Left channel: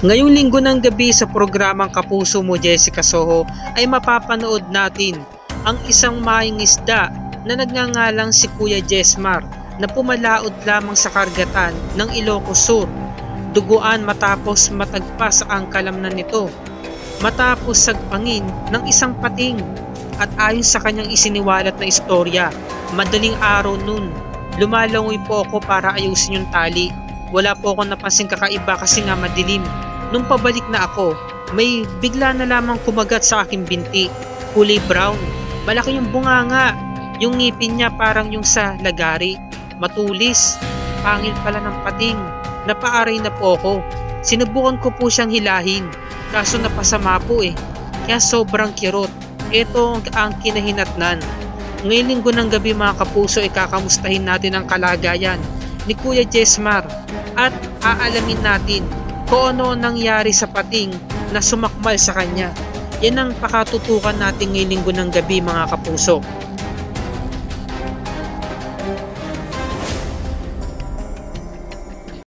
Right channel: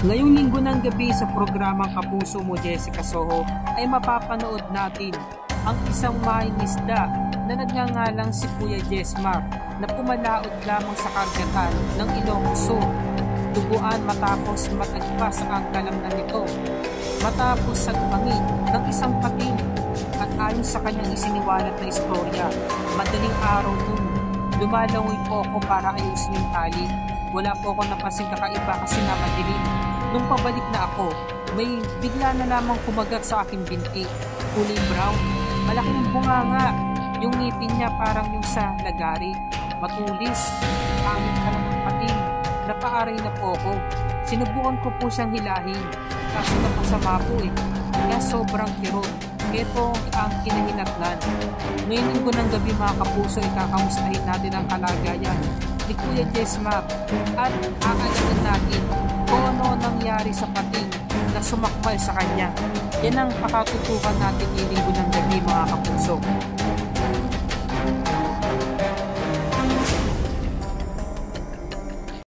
Ngayong linggo ng gabi sa programang Kapuso Mo Jessica Soho ay mapapanood natin ang isang maing isda na nagngangalang si Kuya Jesmar na pumalaot lamang sa karagatan ng Ilocos Sur. Duguan matapos matagpas ang kalamnan nito matapos sagpangin ng isang pating, at ayon sa kanyang isiniwalat na istorya, madaling araw nun, lumalangoy po ako para ayusin yung tali. Wala po akong napansing kakaiba kasi nga madilim. Nung pabalik na ako, may bigla na lamang kumagat sa aking binti. Kulay brown, malaki yung bunganga, yung ngipin niya parang yung sa lagari. Matulis, pangil pala ng pating. Napaaray na po ako. Sinubukan ko po siyang hilahin, kaso napasama po kaya sobrang kirot. Ito ang kinahinatnan. Ngayong linggo ng gabi mga kapuso, ikakamustahin natin ang kalagayan ni Kuya Jesmar at aalamin natin kung ano nangyari sa pating na sumakmal sa kanya. Yan ang pakatutukan natin ngayong linggo ng gabi mga kapuso.